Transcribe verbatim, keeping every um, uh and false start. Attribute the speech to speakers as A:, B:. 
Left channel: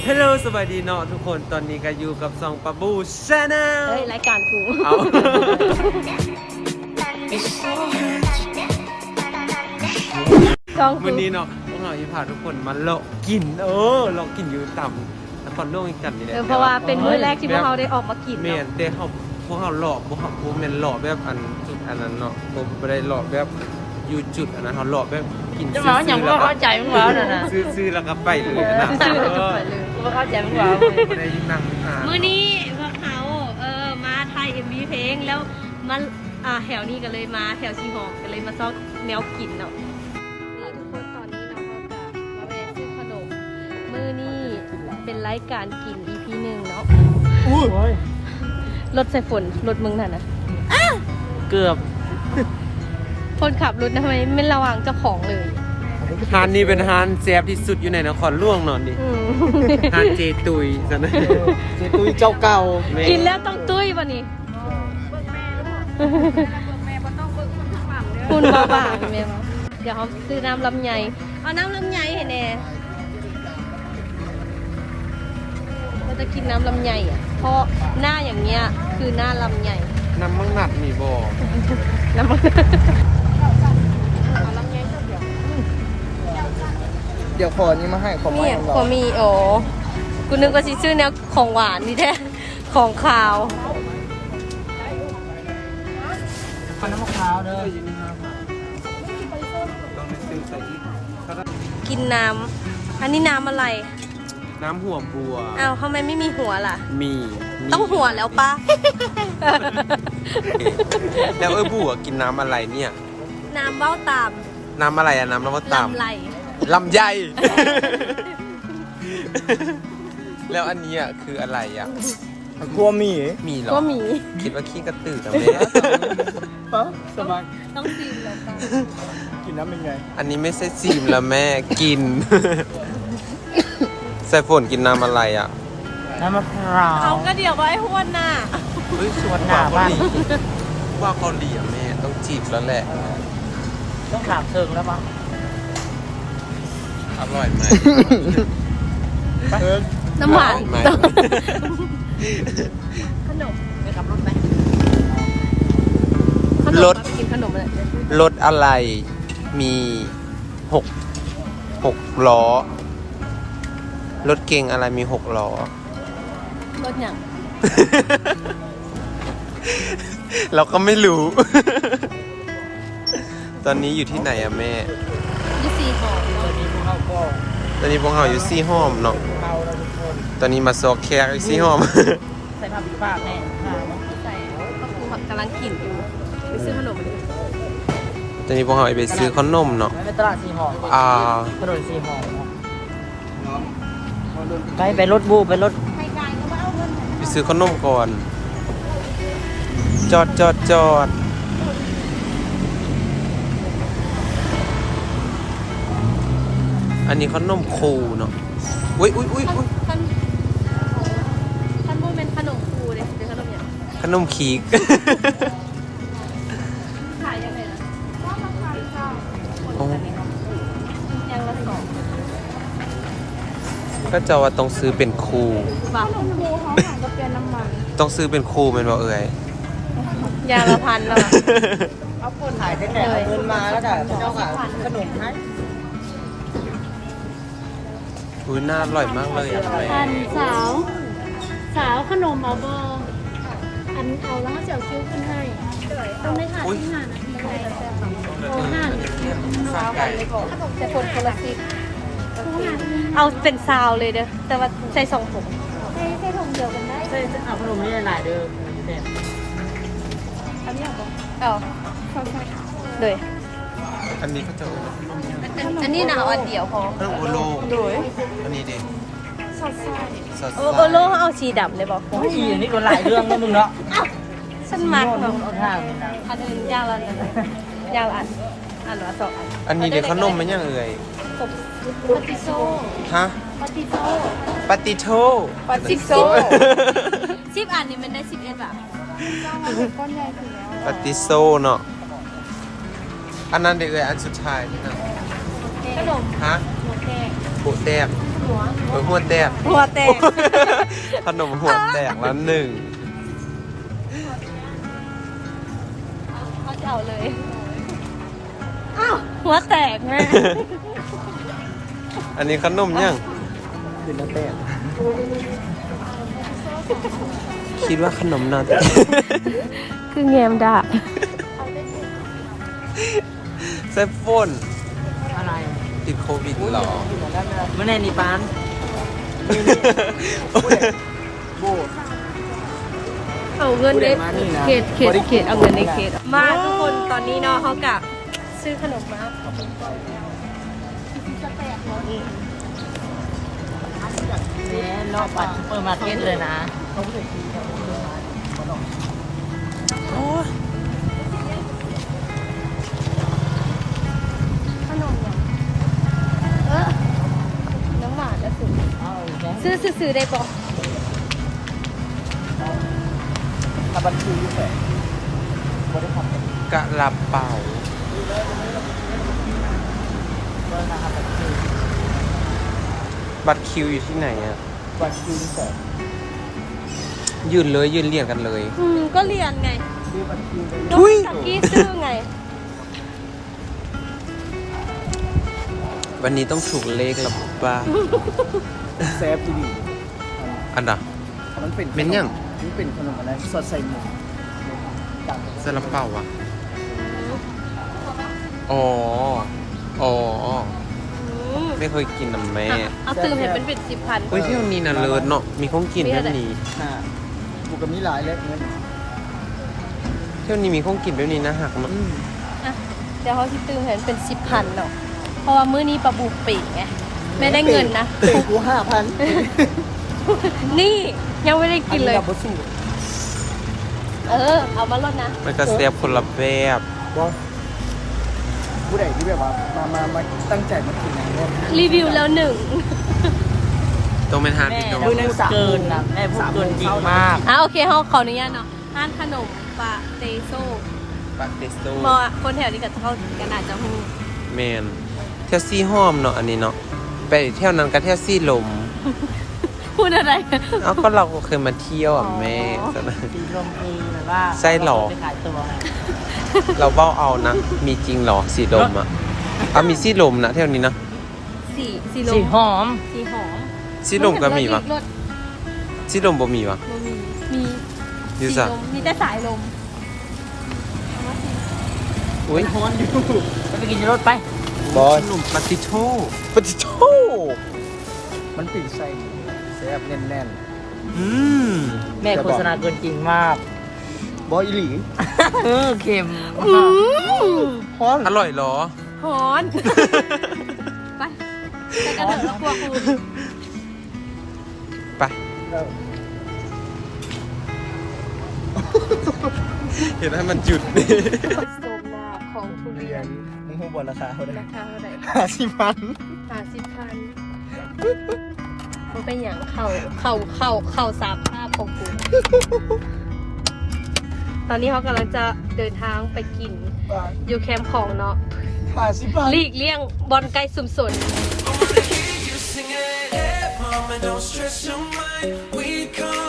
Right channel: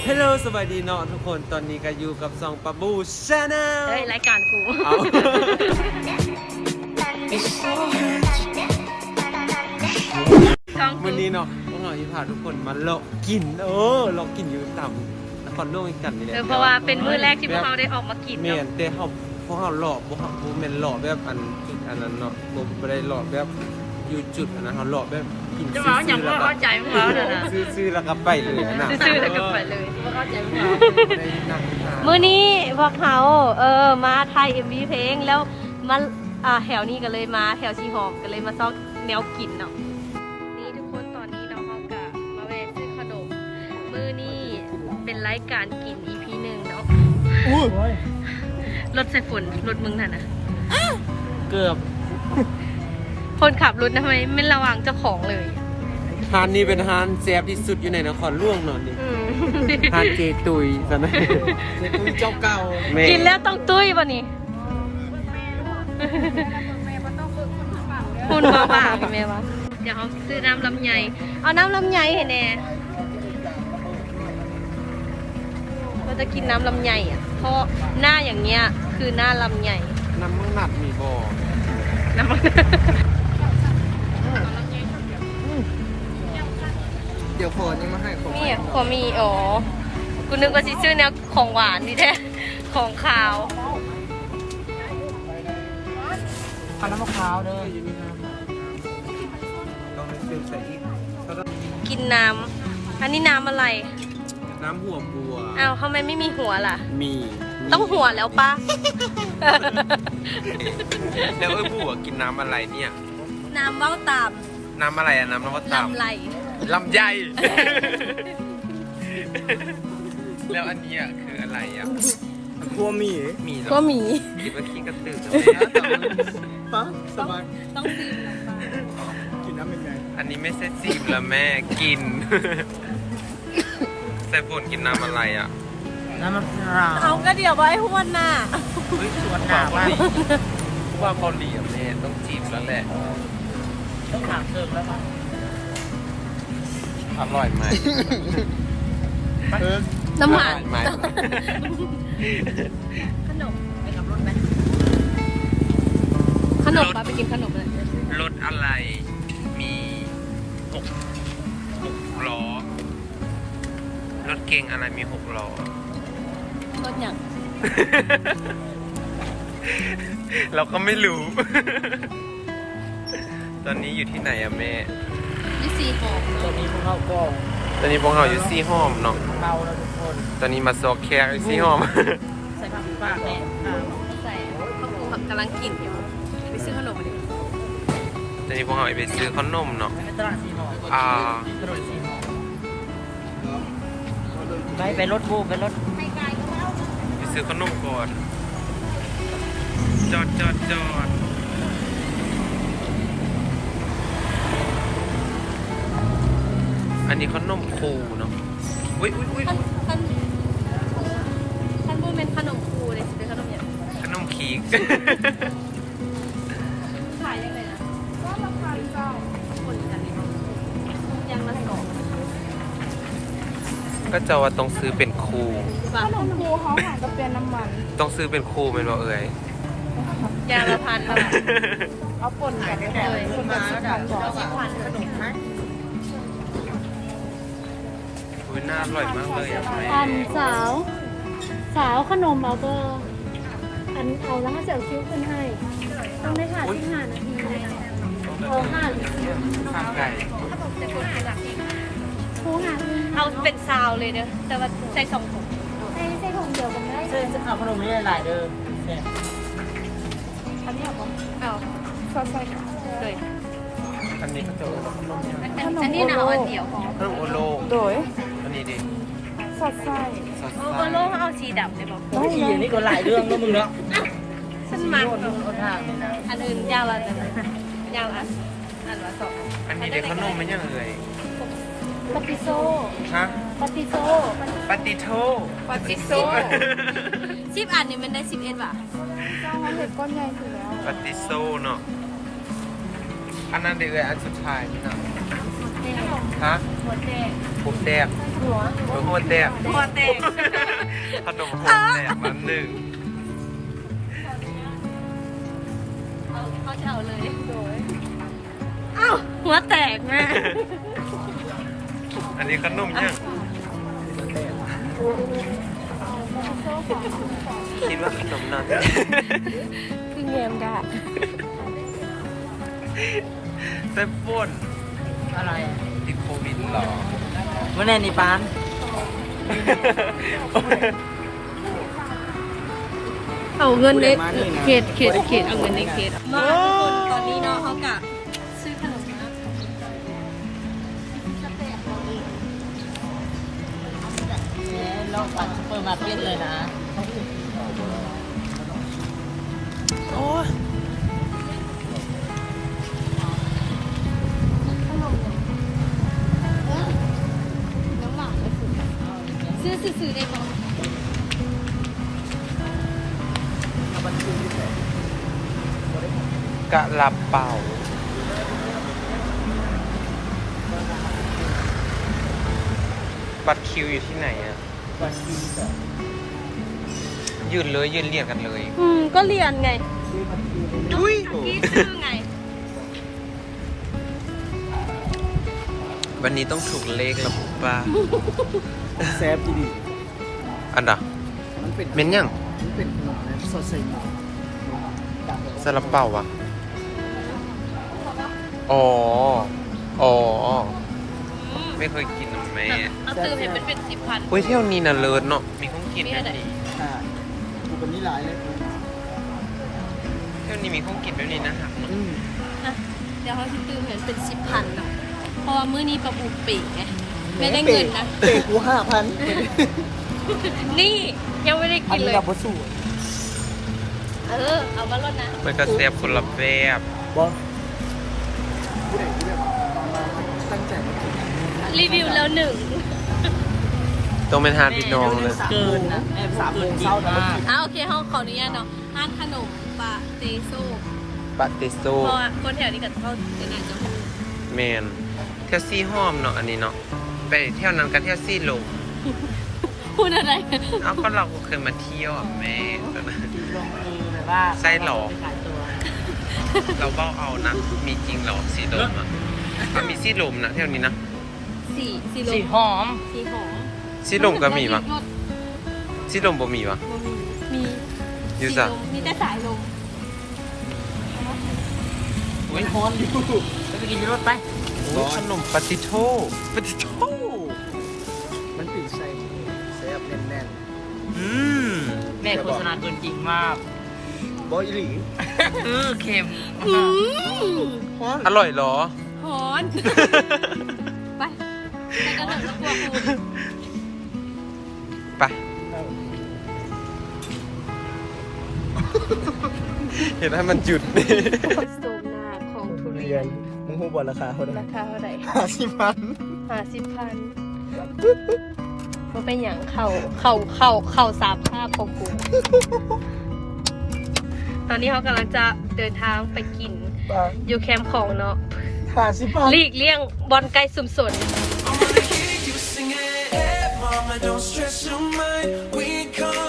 A: ฮัลโหลสวัสดีเนาะทุกคนตอนนี้ก็อยู่กับซองปะบูชาแนล
B: เฮ้ยรายการกู
A: เอาวันนี้เนาะพวกเราจะพาทุกคนมาเลาะกินเออเลาะกินอยู่ต่ำนครหลวงอีกกันนี่แหละ
B: เพราะว่าเป็นมื้อแรกที่พวกเราได้ออกมากิน
A: เมีย
B: เนาะ
A: นเดทเขาพวกเราเลาะพวกเขาพวกเมนเลาะแบบอันจุดอันนั้นเนาะผมไม่ได้เลาะแบบอยู่จุดอันนั้นเขาเลาะแบบกินซื้อๆแล้วก็ซื้อๆแล้วก็ไปเลยนะ
B: ซื้อแล้วก็ไปเลย
A: ไม่ได้นั่งนาน
B: มื้อนี้พวกเขาเออมาถ่าย เอ็ม วี เพลงแล้วมาอ่าแถวนี้ก็เลยมาแถวชีหอมก็เลยมาซอกแนวกินเนาะนี่ทุกคนตอนนี้เราเขากับมาแวะซื้อขนมมื้อนี้เป็นรายการกิน อี พี หนึ่งเนาะ
A: อุ้ย
B: รถใส่ฝนรถมึงน่ะนะ
A: เกือบ
B: คนขับรถทำไมไม่ระวังเจ้าของเลย
A: ฮานนี้เป็นฮานแซ่บที่สุดอยู่ในนครหลวงเนอนนี่
B: อืม
A: ฮานเจตุยซะนะเจตุยเจ้าเก่าแม่
B: กินแล้วต้องตุ้ยป่ะนี่คุณบ้าบ้าพี่แม่วะเดี๋ยวเขาซื้อน้ำลำไยเอาน้ำลำไยเห็นแน่เราจะกินน้ำลำไยอ่ะเพราะหน้าอย่างเงี้ยคือหน้าลำไย
A: น้ำมังหนัดมีบ่
B: น้ำมัน
C: เดี๋ยวขอนี้มาให้ของ
B: นี่ขอมีโอ้กูนึกว่าสิชื่อแนวของหวานนี่แท้ของขาว
C: ขนมมะพร้าวเด้อ
B: กินน้ำอันนี้น้ำอะไร
A: น้ำหัวบัว
B: อ้าวทำไมไม่มีหัวล่ะ
A: มีมี
B: ต้องหัวแล้วปะ
A: แล้วเอ้ยบัวกินน้ำอะไรเนี่ย
B: น้ำเบ้าตาม
A: น้ำอะไรอะน้ำน้ำว่าตาม
B: ลำไหล
A: ลำไย แล้วอันนี้อะคืออะไรอ่ะ
C: ตัวหมี
A: มีเหรอ
B: ก็มี
A: คิดว่าขี้กระตือกับแม่
C: ปั๊บสมัคร
B: ต้องซีมแล้วปะ
C: กินน้ำเป็นไง
A: อันนี้ไม่ใช่ซีมละแม่กิน ใส่ฝนกินน้ำอะไรอ่ะ
C: น้ำมะพร้าว
B: เขาก็เดี๋ยวไว้พวนน่ะ
A: เฮ้ยส่วนกว่าเกาหลีผู้ว่าเกาหลีอ่ะแม่ต้องจีบแล้วแหละ
C: ต้องขาดเชิงแล้วปะ
A: อร่อยไหม
C: เออ
B: น้ำหวาน
A: อร่อยไหม
B: ขนม
A: รถ
B: กินขนมเลย
A: รถอะไรมีหกหกล้อ รถเก่งอะไรมีหกล้อ
B: รถอย่าง
A: เราก็ไม่รู้ ตอนนี้อยู่ที่ไหนอะแม่
B: ยี่สี่หอมเนาะ
A: ตอนนี้พวกเราอยู่ซี่ห้อมเนาะ ตอนนี้มาซอกแคร์ซี่ห้อม
C: ใส่ผักปีฟ้าแน่
B: ใส่ข้าวปูผักกำลังกินอยู่ไปซื้อขนมมาดิ
A: ตอนนี้พวกเราไปซื้อขนมเนาะ
C: ไปตลาดสีหอม
A: อ่า
C: ถนนสีหอมไปไปรถบูไปรถ
A: ไปซื้อขนมก่อน จอดจอดจอด อันนี้ขนมคูเนาะ อุ้ยอุ้ยอุ้ยอุ้ย
B: ท่านท่านบูเป็นขนมคูเลยสิเป็นขนมอย่าง
A: ขนมขีก
B: ขายยังไงนะยังละสอง
A: ก็จะว่าต้องซื้อเป็นคู
B: บาท
A: ต้องซื้อเป็นคูเป็นว่าเอ่ย
B: ยางละพันเลย
C: เอาปนหายไปแต่คนมาแล้วกันเอาขนมไหม
A: อุ้ยน่าอร่อยมากเลยอ่ะแม่
D: อันสาว สาวขนมเอาก็อันเอาแล้วก็เสียวคิ้วขึ้นให้ต้องได้ค่ะที่งาน
A: ข้าวไก่
B: แต่คนคนละคิด
D: คู่งาน
B: เอาเป็นซาวเลยเด้อแต่ว่าใส่สองถุง
D: ให้ให้ถุงเดียวกันได้
C: ใช่เอาขนมนี่หลายเด้อแซ่บ
B: อันนี้เอาปะเอา
D: สดสด
B: เลย
A: อันนี้ก็จะเออขนมเนี่ย
B: อันอันนี้นะเอาอันเดียวพอ
A: ขนมโอโล
B: โดย
A: อันนี้ดิ
D: สดสด
A: ซอส
B: เออเออโลเอาชีดำเลยบอก
C: อีนี่ก็หลายเรื่องนะมึงเนาะ
B: ฉันมักแบบอันอื่นยางละอันยางละอันอันละสอง
A: อันนี้เดี๋ยวขนมมันยังเอ่ย
D: ปาติโซ
A: ฮะ
D: ปาติโซ
A: ปาติโท
B: สิบโซสิบอันนี่มันได้สิบเอ็ดบาท
A: ปาติโซเนาะ อันนั้นเด็กเอ่ยอันสุดท้ายนี่เนาะ
B: ขนม
A: ฮะ
B: หมดแดง
A: โปะแตก
B: โด
A: เออหัวแตก
B: หัวแตก
A: ขนมหัวแตกแล้วหนึ่ง
B: เขาจะเอาเลยอ้าวหัวแตกแม่
A: อันนี้ขนมยังคิดว่าขนมน่าจะ
B: คือแงมดาบ
A: เซฟโฟน
C: อะไร
A: ติดโควิดหรอ
C: เมื่อไหร่นี่ปาน
B: เอาเงินในเขตเขตเขตเอาเงินในเขตอะมาทุกคนตอนนี้เนาะเขากะซื้อขนมมาขอบคุณใจแล้วสแตกเราเอง
C: เนี่ยรอบปัดซูเปอร์มาร์เก็ตเลยนะ
A: โอ้ย
B: ขนมเหรอเออน้ำหวานนะสุด
C: เอาอีกไหม
B: ซื้อซื้อซื้อได้บอก
C: เอาบัญชีเฉย
A: กะลาเป่า
C: เบอร์นะครับบัญชี
A: บัตรคิวอยู่ที่ไหนอ่ะ
C: บัญชีเฉย
A: ยืนเลยยืนเรียงกันเลย
B: อืมก็เรียนไง
C: ชื่อบัญชีเลย
B: น้องสักกี้ซื้อไง
A: วันนี้ต้องถูกเลขละป่ะ
C: เซฟดี
A: อันดะ
C: ๆมันเป็น
A: เม้นยัง
C: มันเป็นขนมอะไรสดใส่หมูจาก
A: ซาลาเป่าวะอ๋อ อ๋อ
B: อืม
A: ไม่เคยกินน้ำแม่
B: เอาซื้อให้เป็นเป็นสิบพัน
A: เฮ้ยเที่ยวนี้น่ะเลิศเนาะ มีของกินเที่ยวนี้
C: ค่ะบุกกับนี้หลายเล็กเงิน
A: เที่ยวนี้มีของกินเที่ยวนี้นะหักเนาะ
B: อ่ะเดี๋ยวเขาที่ตื้มให้เป็นสิบพันเนาะเพราะว่ามื้อนี้ปลาบูปีกไงไม่ได้เงินนะ
C: เตะกูห้าพัน
B: นี่ยังไม่ได้
C: อั
B: กิ
C: น
B: น
C: นี้
B: เลย
C: เราบสู
B: เออ เอามาลดนะ
A: มันก็แซ่บคนละแบบ
C: บอผู้ใดที่แบบว่ามามามาตั้งใจมากินนะเนี่ย
B: รีวิวแล้วหนึ่ง
A: ต้องเป็นฮาร์ดพี่น้อง
C: แม่
A: นะ
C: สามหมื่นนะแม่พูดเกินจริงมาก
B: อ่ะโอเคเขาขออนุญาตเนาะร้านขนมปาเตโซ
A: ปาเตโซ
B: เพราะว่าคนแถวนี้กับเขากันอาจจะหู
A: แมนเที่ยวซี่ห้อมเนาะอันนี้เนาะ ไปเที่ยวนั้นก็เที่ยวซี่ลม
B: พูดอะไร
A: เอ้าก็เราก็เคยมาเที่ยวอ่ะแม่
B: อ๋อ
A: แต่นะ
C: จริงลมเองนะว่า
A: ไส้หรอ
C: ไปขายตัว
A: เราเบ้าเอานะ มีจริงเหรอสีลมอ่ะเอามีซี่ลมนะเที่ยวนี้นะ
B: สีสีล
C: สี
B: ม
C: หอม
B: สีหอม
A: ซี่ลมก็มีปะ
B: รถ
A: ซี่ลมบ่มีปะ
B: บ่มี มี
A: อยู่
B: สี
A: จ้ะ
B: ลมมีแต่สายลมเอามาสิ
C: โอ้ยฮอนอยู่ไปกินรถไป
A: บอสขนมปาติโต้ปาติโต้
C: มันปิดใส่แซ่บแน่น
A: อืม
C: ๆแม่โฆษณาเกินจริงมากบอยอีหลีเออเค็ม
B: อืม
C: ฮอน
A: อร่อยเหรอ
B: หอน ไปไปกันเลยกลัวคูณ
A: ไป เห็นให้มันหยุดดิ
B: โซมหน้าของทุเรียน
C: มึงหูบอลราคาเท่าไหร่
B: ราคาเท่าไหร่
C: ห้าสิบพัน
B: ห้าสิบพันมันเป็นอย่างเข่าเข่าเข่าเข่าสามภาพของกู ตอนนี้เขากำลังจะเดินทางไปกิน อยู่แคมป์ของเนาะ
C: ห้าสิบพัน
B: หลีกเลี่ยงบอลไก่สุ่มสน
E: Mama, don't stress your mind. We come